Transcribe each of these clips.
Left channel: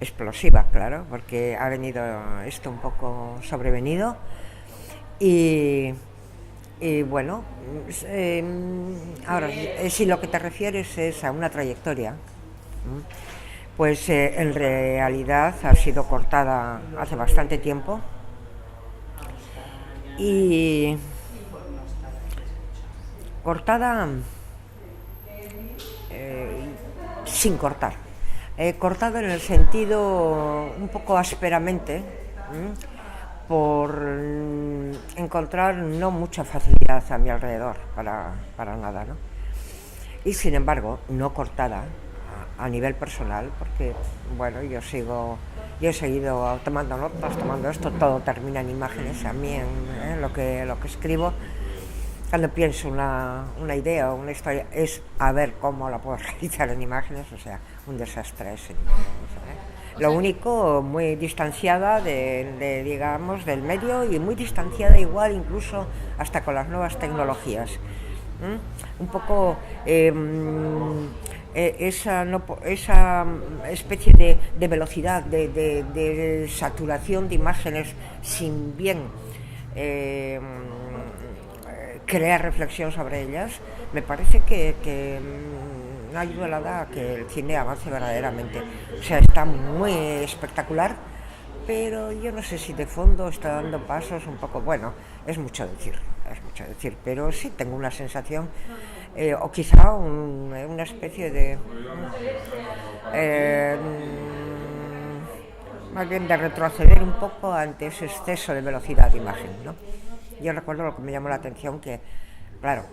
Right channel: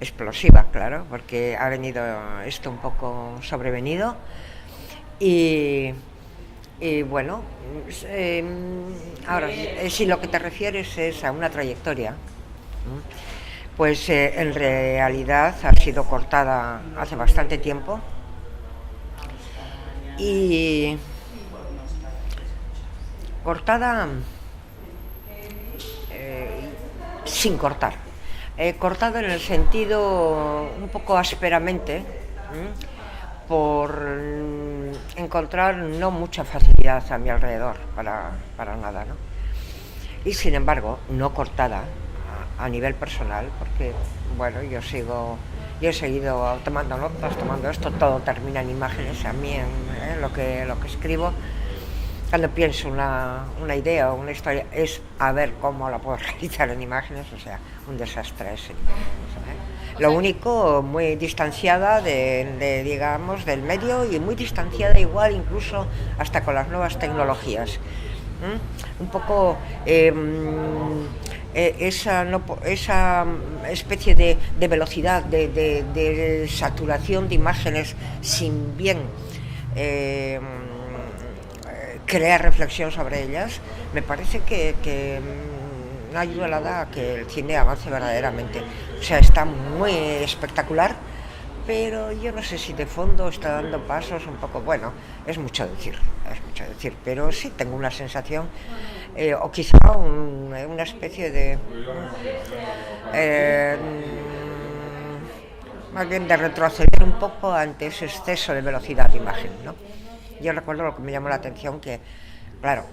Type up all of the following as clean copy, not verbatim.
explosiva, claro, porque ha venido esto un poco sobrevenido y, y bueno, ahora, si lo que te refieres es a una trayectoria, pues en realidad ha sido cortada hace bastante tiempo y cortada sin cortar. Cortado en el sentido un poco ásperamente, por encontrar no mucha facilidad a mi alrededor para nada, ¿no? Y sin embargo, no cortada a nivel personal, porque bueno, yo he seguido tomando notas, tomando esto, todo termina en imágenes. A mí lo que escribo, cuando pienso una idea o una historia, es a ver cómo la puedo realizar en imágenes, o sea, un desastre ese. Lo único, muy distanciada digamos, del medio, y muy distanciada igual incluso hasta con las nuevas tecnologías. Un poco esa, no, esa especie de velocidad, de saturación de imágenes sin bien crear reflexión sobre ellas, me parece que no ayuda nada a que el cine avance verdaderamente. O sea, está muy espectacular, pero yo no sé si de fondo está dando pasos un poco, bueno, es mucho decir, pero sí tengo una sensación, o quizá una especie de eh, más bien de retroceder un poco ante ese exceso de velocidad de imagen, ¿no? Yo recuerdo lo que me llamó la atención, que claro,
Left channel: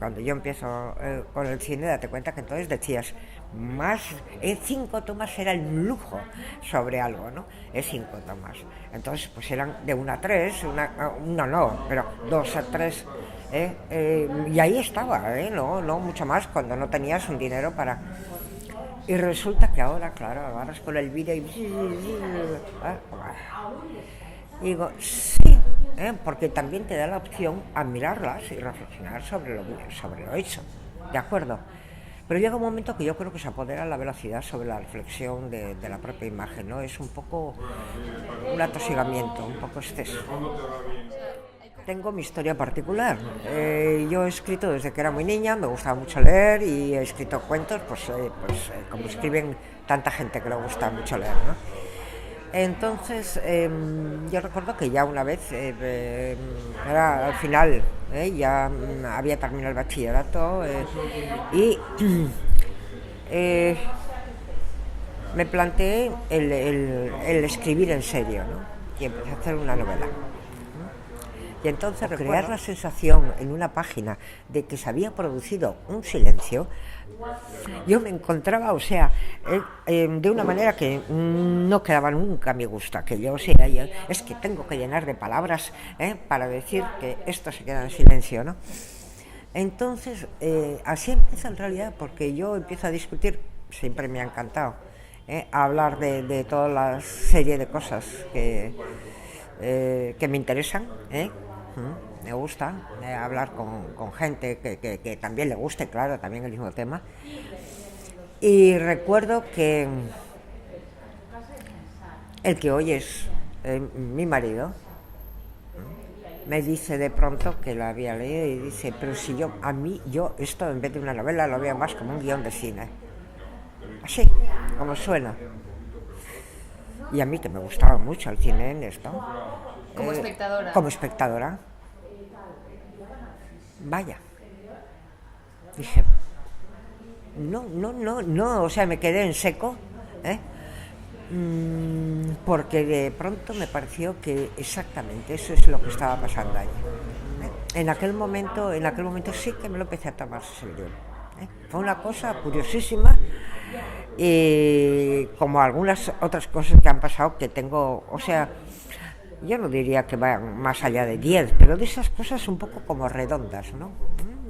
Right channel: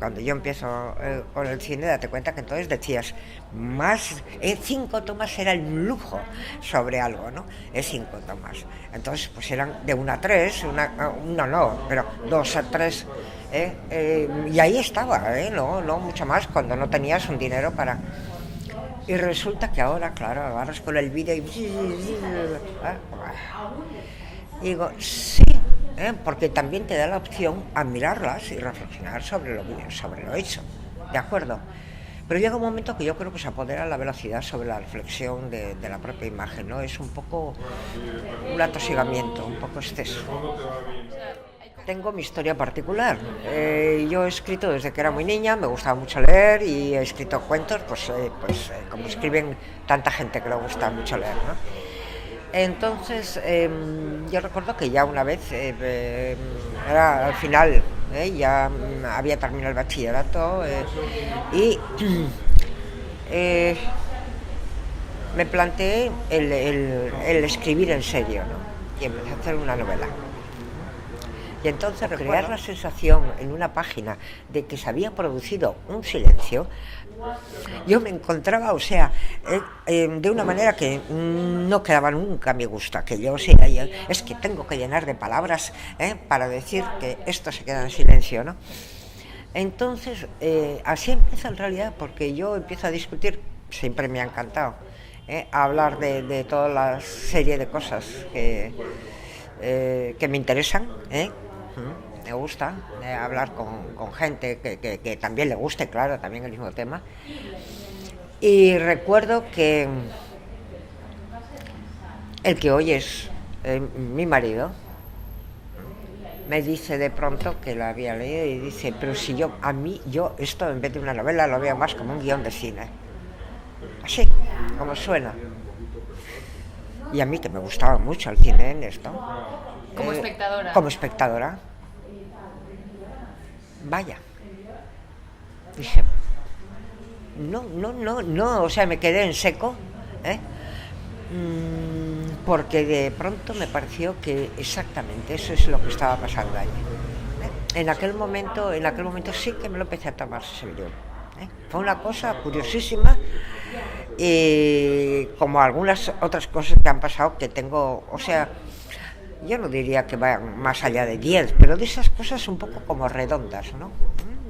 cuando yo empiezo con el cine, date cuenta que entonces decías, más 5 tomas era el lujo sobre algo, ¿no? Es 5 tomas. Entonces, pues eran de 1 a 3, una no, pero 2 a 3. Y ahí estaba, no mucho más, cuando no tenías un dinero para. Y resulta que ahora, claro, agarras con el vídeo y. Y digo, sí, porque también te da la opción a mirarlas y reflexionar sobre lo hecho, ¿de acuerdo? Pero llega un momento que yo creo que se apodera la velocidad sobre la reflexión de la propia imagen, ¿no? Es un poco un atosigamiento, un poco exceso. Tengo mi historia particular. Yo he escrito desde que era muy niña, me gustaba mucho leer y he escrito cuentos, como escriben tanta gente que le gusta mucho leer, ¿no? Entonces, yo recuerdo que ya una vez, era al final, ya había terminado el bachillerato, y eh, me planteé el escribir en serio, ¿no? Y empecé a hacer una novela. Y entonces crear la sensación en una página de que se había producido un silencio, yo me encontraba, o sea, de una manera que no quedaba nunca a mi gusto, que yo, o sea, es que tengo que llenar de palabras para decir que esto se queda en silencio, ¿no? Entonces, así empieza en realidad, porque yo empiezo a discutir, siempre me ha encantado, a hablar de toda la serie de cosas que me interesan, me gusta hablar con gente que también le guste, claro, también el mismo tema. Y recuerdo que el que hoy es mi marido me dice de pronto que lo había leído y dice, pero si yo esto en vez de una novela lo veo más como un guión de cine. Así, como suena. Y a mí, que me gustaba mucho el cine en esto. Como espectadora. Como espectadora. Vaya. Dije, no, o sea, me quedé en seco, porque de pronto me pareció que exactamente eso es lo que estaba pasando allí. En aquel momento sí que me lo empecé a tomar serio. Fue una cosa curiosísima, y como algunas otras cosas que han pasado, que tengo, o sea, yo no diría que vayan más allá de 10, pero de esas cosas un poco como redondas, ¿no?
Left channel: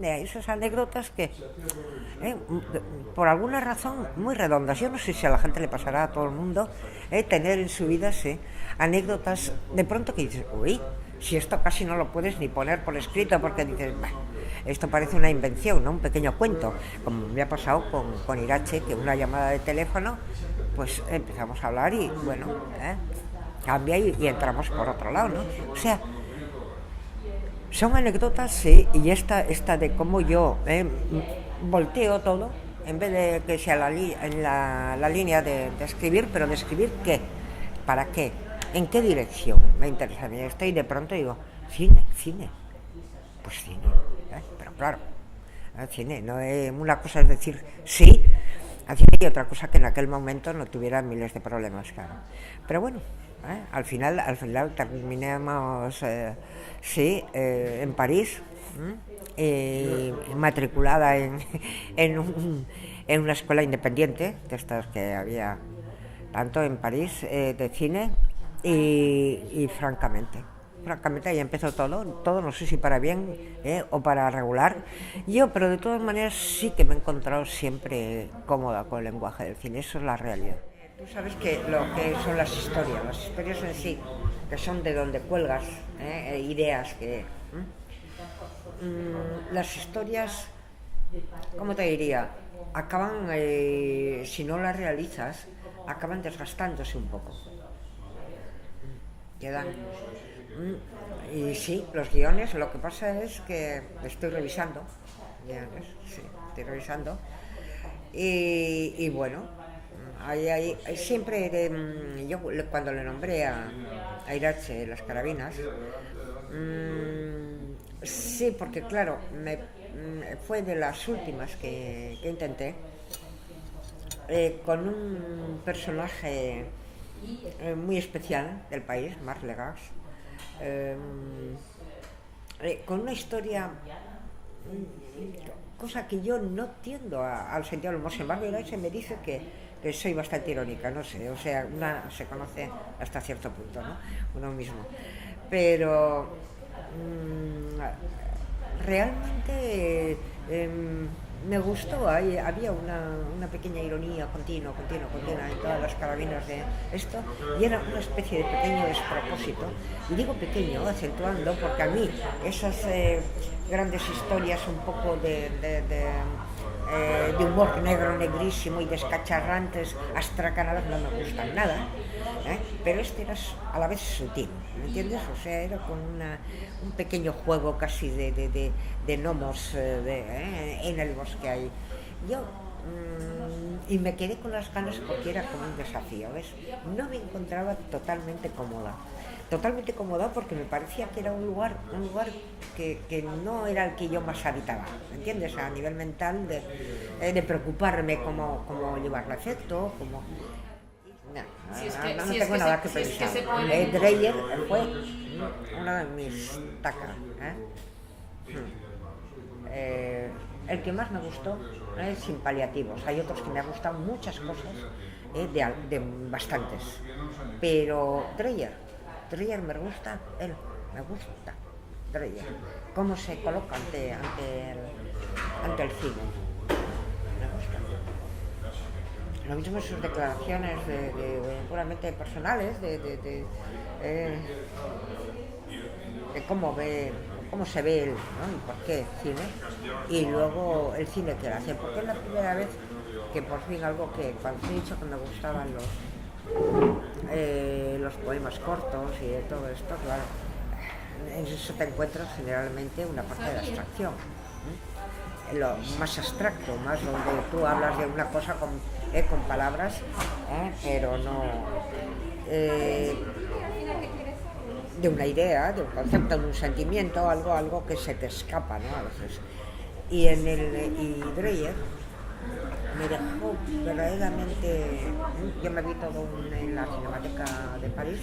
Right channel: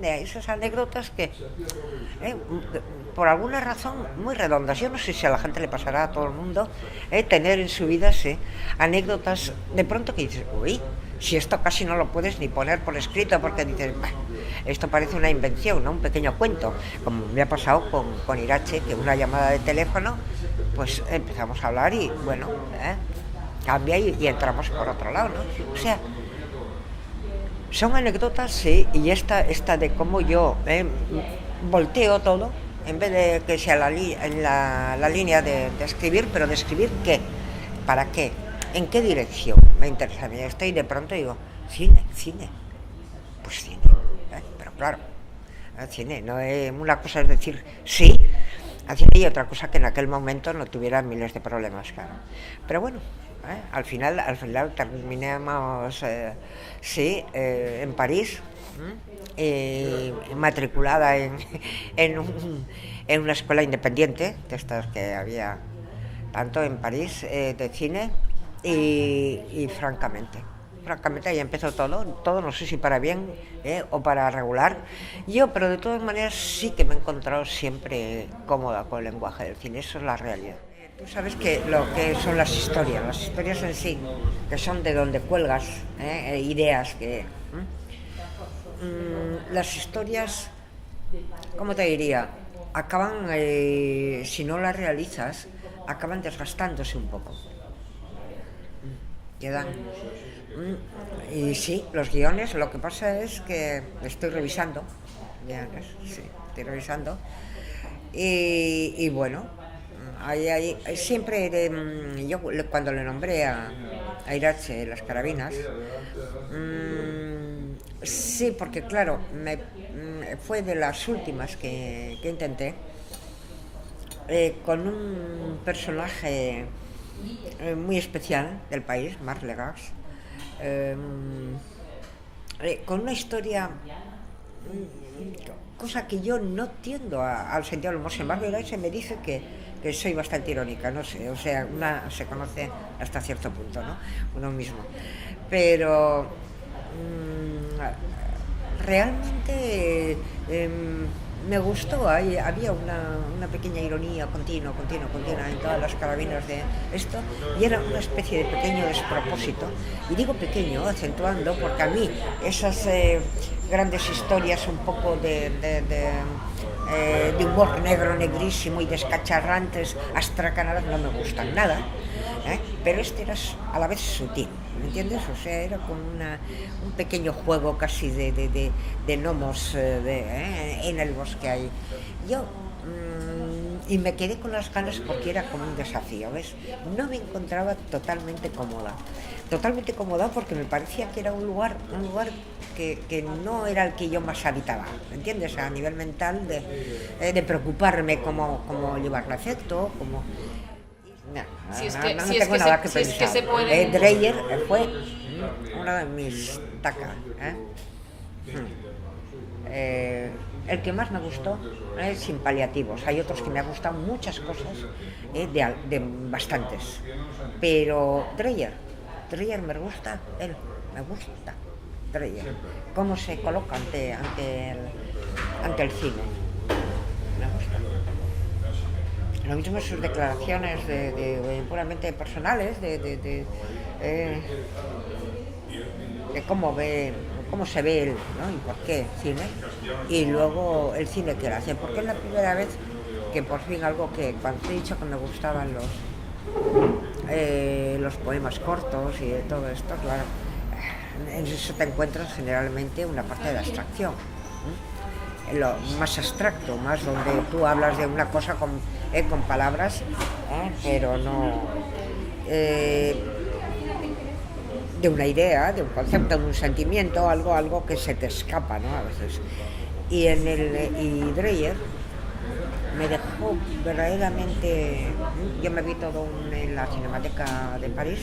De esas anécdotas que, por alguna razón, muy redondas. Yo no sé si a la gente le pasará, a todo el mundo, tener en su vida, sí, anécdotas de pronto que dices, uy, si esto casi no lo puedes ni poner por escrito, porque dices, esto parece una invención, ¿no? Un pequeño cuento, como me ha pasado con Irache, que una llamada de teléfono pues empezamos a hablar y bueno, cambia y entramos por otro lado, ¿no? O sea, son anécdotas, sí, y esta de cómo yo volteo todo, en vez de que sea en la línea de escribir, pero de escribir qué, para qué, en qué dirección me interesa a mí esto, y de pronto digo, cine, pues cine, pero claro, cine, no es, una cosa es decir sí al cine y otra cosa que en aquel momento no tuviera miles de problemas, claro, pero bueno. Al final terminamos en París, matriculada en una escuela independiente de estas que había tanto en París, de cine, y francamente ahí empezó todo, no sé si para bien o para regular pero de todas maneras sí que me he encontrado siempre cómoda con el lenguaje del cine, eso es la realidad. Tú sabes que lo que son las historias en sí, que son de donde cuelgas ideas que... las historias, ¿cómo te diría? Acaban, si no las realizas, acaban desgastándose un poco. Quedan... Y sí, los guiones, lo que pasa es que estoy revisando guiones, sí, estoy revisando. Y bueno... Hay siempre yo cuando le nombré a Irache las carabinas, sí, porque claro, fue de las últimas que intenté, con un personaje muy especial del país, Marc Legras, con una historia, cosa que yo no tiendo al sentido del humor. Sin embargo, Irache me dice que soy bastante irónica, no sé, o sea, una se conoce hasta cierto punto, ¿no? Uno mismo. Pero realmente me gustó, había una pequeña ironía continua en todas las carabinas de esto, y era una especie de pequeño despropósito, y digo pequeño, acentuando, porque a mí esas grandes historias un poco de humor negro, negrísimo y descacharrantes, astracanadas, no me gustan nada, pero este era a la vez sutil, ¿me entiendes? O sea, era con un pequeño juego casi de gnomos en el bosque ahí. Yo y me quedé con las ganas porque era como un desafío, ¿ves? No me encontraba totalmente cómoda porque me parecía que era un lugar que no era el que yo más habitaba, ¿me entiendes? A nivel mental de preocuparme cómo llevarlo a efecto, como... No tengo nada que pensar. Dreyer fue uno de mis tacas. El que más me gustó, sin paliativos. Hay otros que me han gustado muchas cosas, de bastantes. Pero Dreyer me gusta, Dreyer. Cómo se coloca ante el cine. Me gusta. Lo mismo sus declaraciones de puramente personales, de cómo se ve él, ¿no? Y por qué cine, y luego el cine que él hace, porque es la primera vez que por fin algo que cuando te he dicho que me gustaban los poemas cortos y de todo esto, claro, en eso te encuentras generalmente una parte de abstracción, lo más abstracto, más donde tú hablas de una cosa con palabras, pero no de una idea, de un concepto, de un sentimiento, algo que se te escapa, ¿no? A veces. Y Dreyer me dejó verdaderamente... Yo me vi todo en la Cinemateca de París,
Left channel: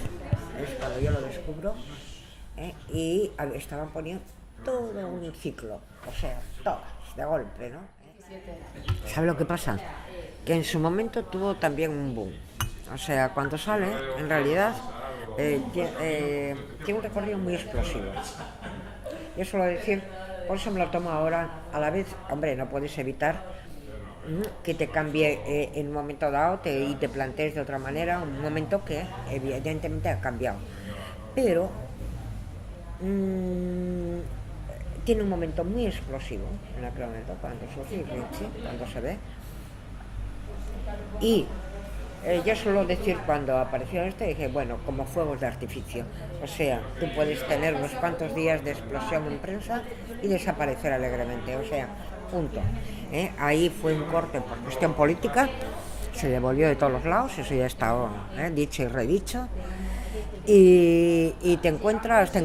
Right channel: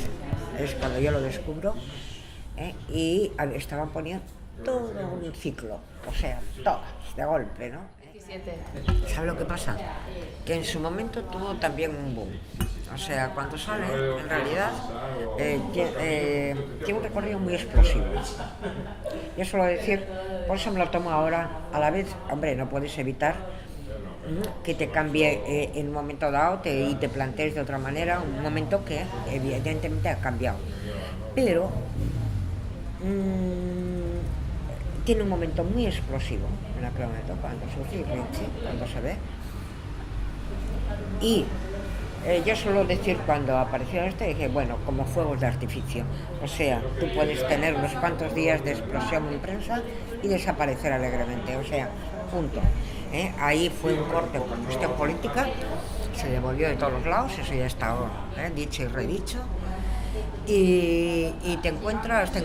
es cuando yo lo descubro, y estaban poniendo todo un ciclo, o sea, todas, de golpe, ¿no? ¿Sabe lo que pasa? Que en su momento tuvo también un boom. O sea, cuando sale, en realidad, tiene un recorrido muy explosivo. Yo suelo decir, por eso me lo tomo ahora, a la vez, hombre, no puedes evitar que te cambie en un momento dado y te plantees de otra manera, un momento que evidentemente ha cambiado. Pero tiene un momento muy explosivo en aquel momento, cuando surge Vinci, cuando se ve, y yo suelo decir cuando apareció esto, dije, bueno, como fuegos de artificio. O sea, tú puedes tener unos cuantos días de explosión en prensa y desaparecer alegremente. O sea, punto. Ahí fue un corte por cuestión política, se devolvió de todos los lados, eso ya está dicho y redicho. Y te encuentras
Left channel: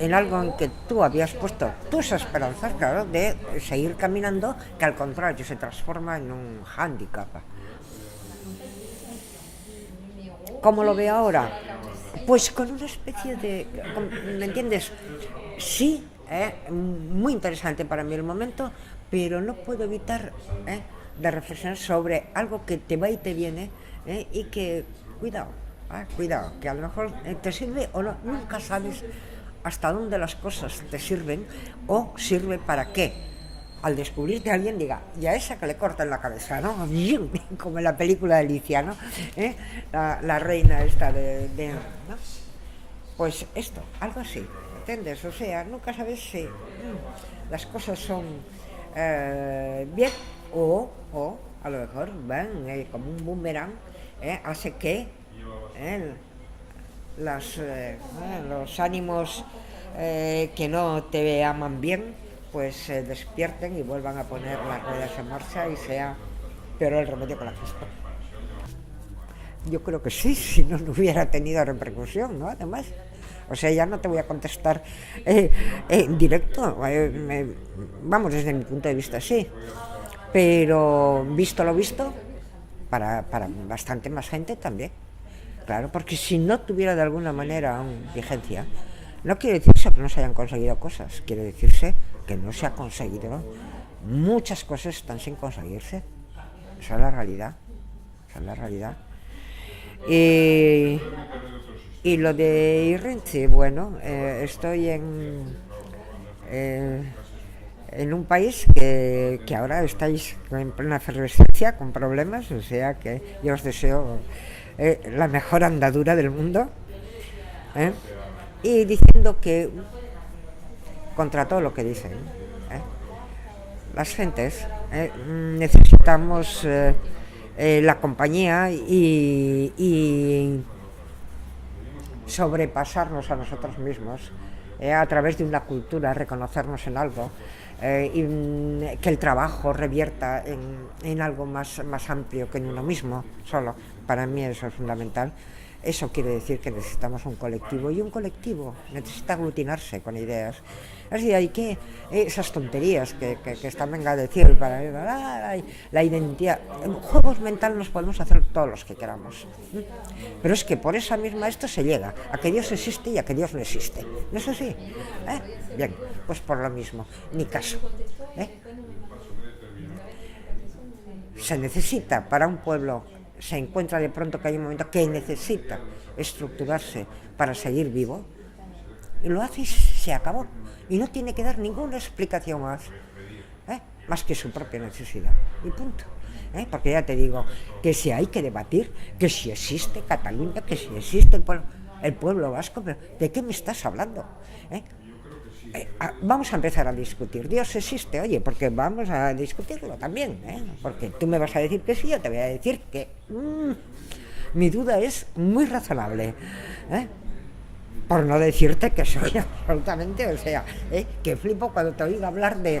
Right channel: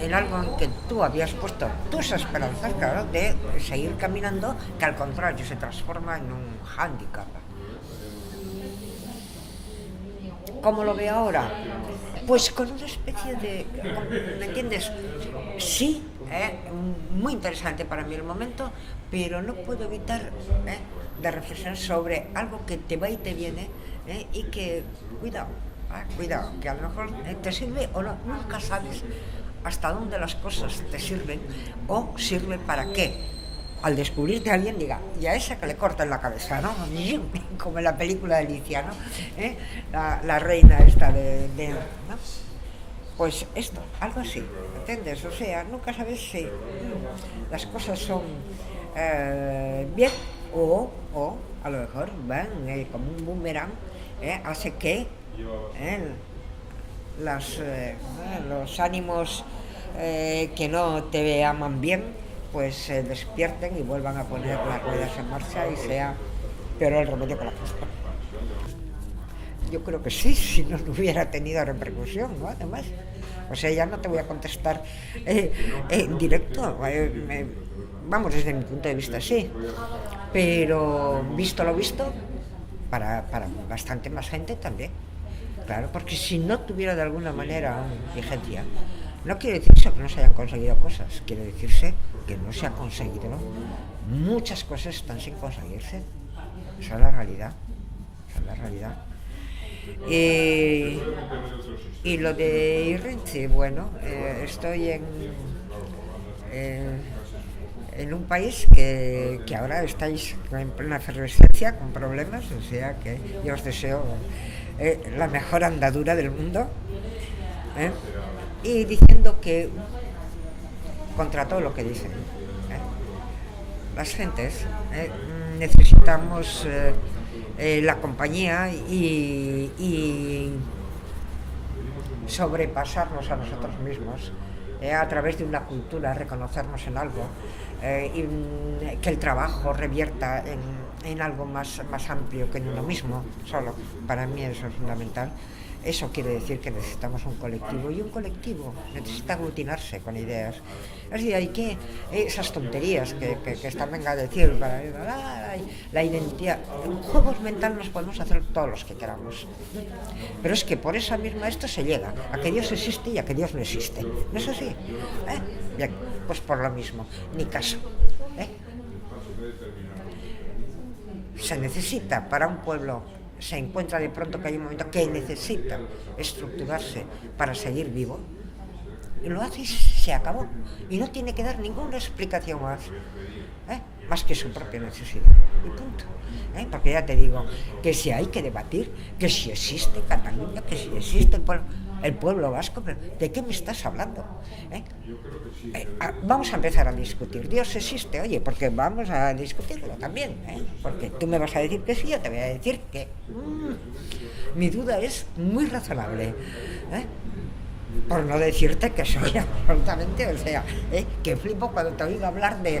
en algo en que tú habías puesto tus esperanzas, claro, de seguir caminando, que al contrario se transforma en un hándicap. ¿Cómo lo veo ahora? Pues con una especie de... ¿Me entiendes? Sí, muy interesante para mí el momento, pero no puedo evitar de reflexionar sobre algo que te va y te viene y que, cuidado, que a lo mejor te sirve o no, nunca sabes hasta dónde las cosas te sirven o sirve para qué. Al descubrirte a alguien diga, y a esa que le cortan la cabeza, ¿no? Como en la película de Alicia, ¿no? La reina esta ¿no? Pues esto, algo así, ¿entiendes? O sea, nunca sabes si las cosas son bien o a lo mejor van como un boomerang, hace que los ánimos que no te aman bien pues se despierten y vuelvan a poner las ruedas en marcha y sea peor el remedio que la justa. Yo creo que sí, si no hubiera tenido repercusión, ¿no? Además, o sea, ya no te voy a contestar en directo, vamos, desde mi punto de vista sí, pero visto lo visto, para bastante más gente también, claro, porque si no tuviera de alguna manera vigencia, no quiere decirse que no se hayan conseguido cosas, quiere decirse que no se ha conseguido. Muchas cosas están sin conseguirse. Esa es la realidad. Y lo de Irrenchi, bueno, estoy en un país que ahora estáis en plena efervescencia, con problemas, o sea que yo os deseo la mejor andadura del mundo. Y diciendo que contra todo lo que dicen las gentes necesitamos la compañía y sobrepasarnos a nosotros mismos a través de una cultura, reconocernos en algo y que el trabajo revierta en algo más amplio que en uno mismo solo. Para mí eso es fundamental. Eso quiere decir que necesitamos un colectivo, y un colectivo necesita aglutinarse con ideas. Así hay que esas tonterías que están venga a decir para la identidad. En juegos mentales nos podemos hacer todos los que queramos, pero es que por esa misma esto se llega a que Dios existe y a que Dios no existe. ¿No es así? Bien, pues por lo mismo, ni caso. Se necesita para un pueblo, se encuentra de pronto que hay un momento que necesita estructurarse para seguir vivo, y lo hace y se acabó, y no tiene que dar ninguna explicación más que su propia necesidad, y punto. Porque ya te digo que si hay que debatir, que si existe Cataluña, que si existe el pueblo vasco, pero ¿de qué me estás hablando? Vamos a empezar a discutir. Dios existe, oye, porque vamos a discutirlo también, porque tú me vas a decir que sí, yo te voy a decir que mi duda es muy razonable, por no decirte que soy absolutamente, o sea, que flipo cuando te oigo hablar de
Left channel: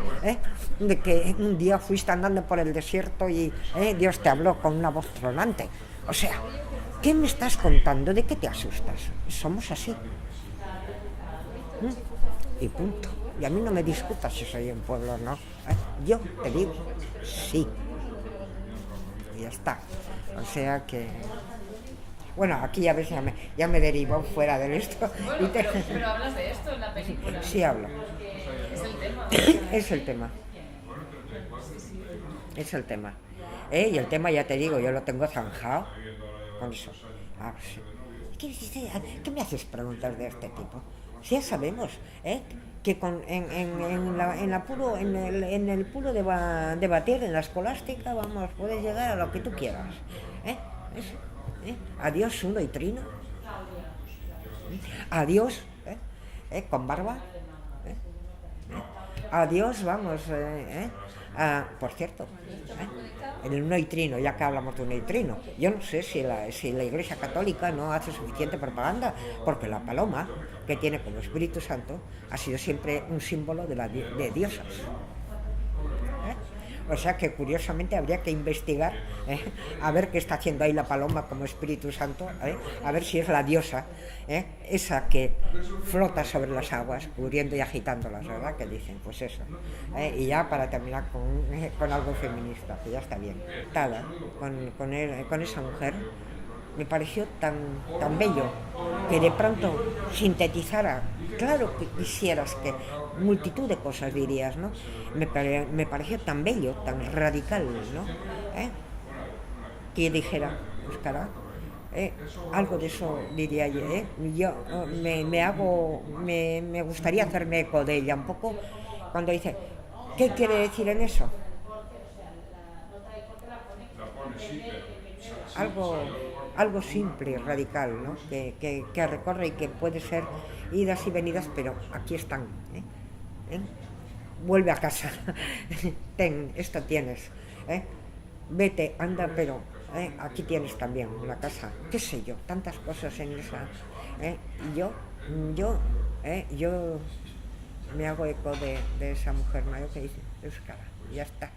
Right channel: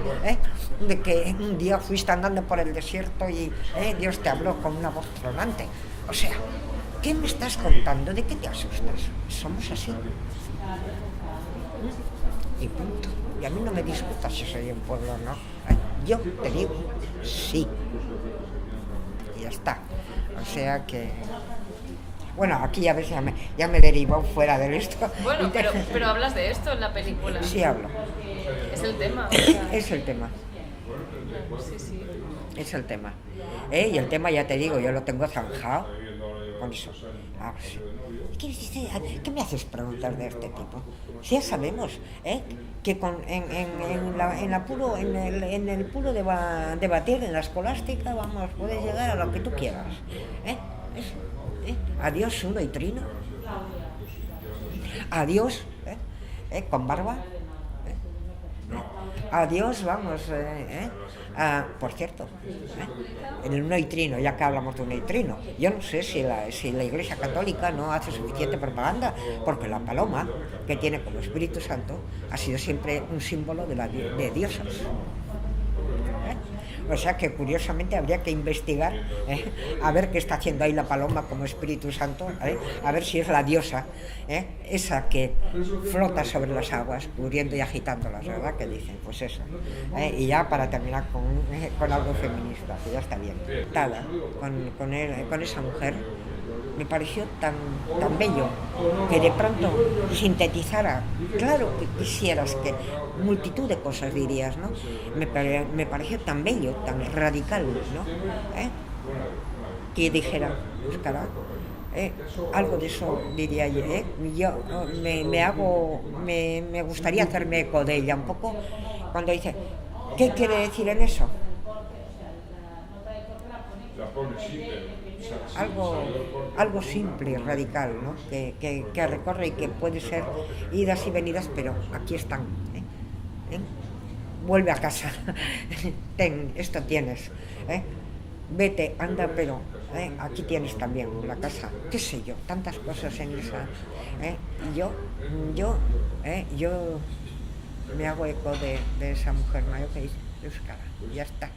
que un día fuiste andando por el desierto y Dios te habló con una voz tronante. O sea, ¿qué me estás contando? ¿De qué te asustas? Somos así. Y punto. Y a mí no me discutas si soy un pueblo o no. Yo te digo sí. Y ya está. O sea que... Bueno, aquí ya ves, ya me derivo fuera de esto. Bueno, pero hablas de esto en la película. Sí, hablo. Es el tema. Es el tema. Sí. Es el tema. Y el tema, ya te digo, yo lo tengo zanjado con eso. Sí. ¿Qué me haces preguntas de este tipo? Si ya sabemos que en el puro debatir, en la escolástica, vamos, puedes llegar a lo que tú quieras. Eso. Adiós uno y trino. Adiós con barba. Adiós, vamos, Ah, por cierto, en el neutrino, ya que hablamos de un neutrino, yo no sé si la Iglesia Católica no hace suficiente propaganda, porque la paloma, que tiene como Espíritu Santo, ha sido siempre un símbolo de diosas. O sea que curiosamente habría que investigar, a ver qué está haciendo ahí la paloma como Espíritu Santo, a ver si es la diosa, esa que flota sobre las aguas, cubriendo y agitándolas, ¿verdad? Que dicen, pues eso. Y ya para terminar con algo feminista, que ya está bien. Tada con esa mujer, me pareció tan bello que de pronto sintetizara, claro que quisieras que multitud de cosas dirías, ¿no? Me pareció tan bello, tan radical, ¿no? Que dijera, pues cara, algo de eso diría yo, yo me gustaría hacerme eco de ella un poco cuando dice, ¿qué quiere decir en eso? algo, algo simple y radical, ¿no? Que recorre y que puede ser idas y venidas, pero aquí están. ¿Eh? Vuelve a casa, esto tienes. Vete, anda, pero aquí tienes también la casa. ¿Qué sé yo? Tantas cosas en esa. Y yo me hago eco de esa mujer mayor que dice, Euskara, ya está.